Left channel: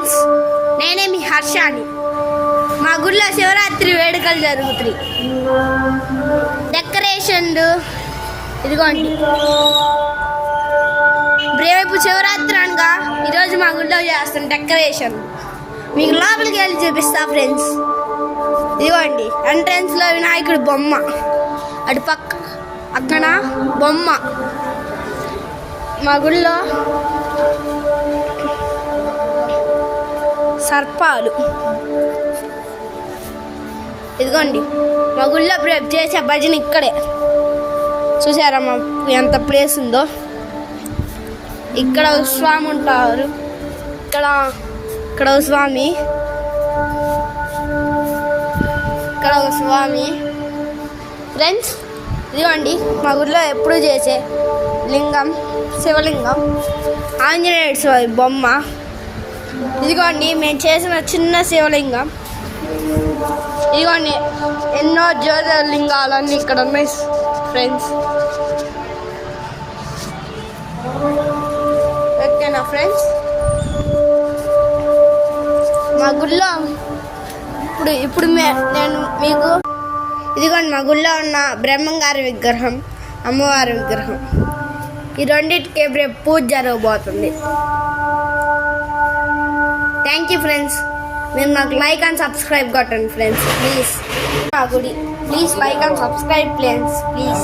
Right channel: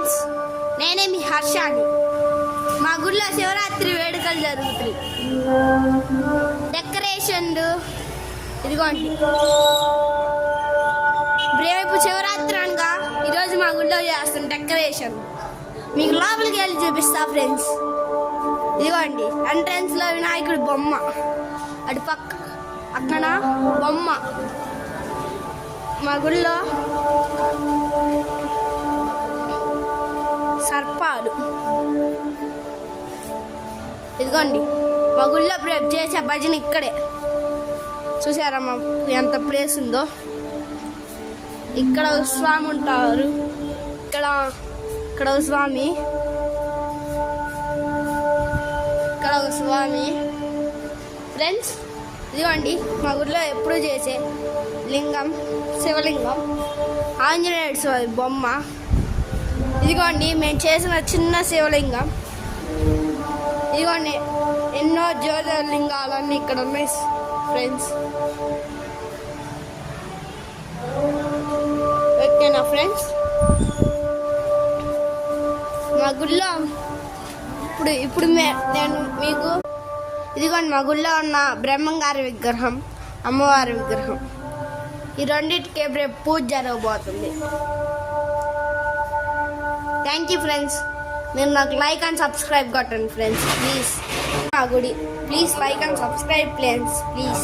Friends, నేనే మీ హర్షాని. మా గుడిలో శివరాత్రి వేడుకలు జరుగుతాయి. డెకరేషన్లు ఇదిగోండి. రేపు శివరాత్రి అనగా ఈరోజు మా గుడిలో చేస్తాం డెకరేషన్. మీకు లోపలికి వెళ్ళి చూపిస్తా ఫ్రెండ్స్. ఇదిగోండి, ఎంట్రన్స్లో వినాయకుడి బొమ్మ, అటు పక్కన బొమ్మ. మా గుడిలో సర్పాలు. ఇదిగోండి, మా గుళ్ళో చేసే భజన ఇక్కడే. చూసారా మా ఎంత ప్లేస్ ఉందో. ఇక్కడ స్వామి ఉంటారు. ఇక్కడ స్వామి, ఇక్కడ ఒక స్వామి. ఫ్రెండ్స్, ఇదిగోండి మా గుడిలో ఎప్పుడు చేసే లింగం, శివలింగం, ఆంజనేయ స్వామి బొమ్మ. ఇదిగోండి మేము చేసిన చిన్న శివలింగం. ఇదిగోండి ఎన్నో జ్యోతిర్లింగాలన్నీ ఇక్కడ ఉన్నాయి ఫ్రెండ్స్. ఓకేనా ఫ్రెండ్స్? మా గుడిలో ఇప్పుడు నేను మీకు ఇదిగోండి మా గుడిలో ఉన్న బ్రహ్మంగారి విగ్రహం, అమ్మవారి విగ్రహం, ఈ రెండింటికి రేపు పూజ జరగబోతుంది. Thank you friends. మీరు నాకు లైక్ అండ్ సబ్స్క్రైబ్ కొట్టండి friends please. Please like and subscribe friends please.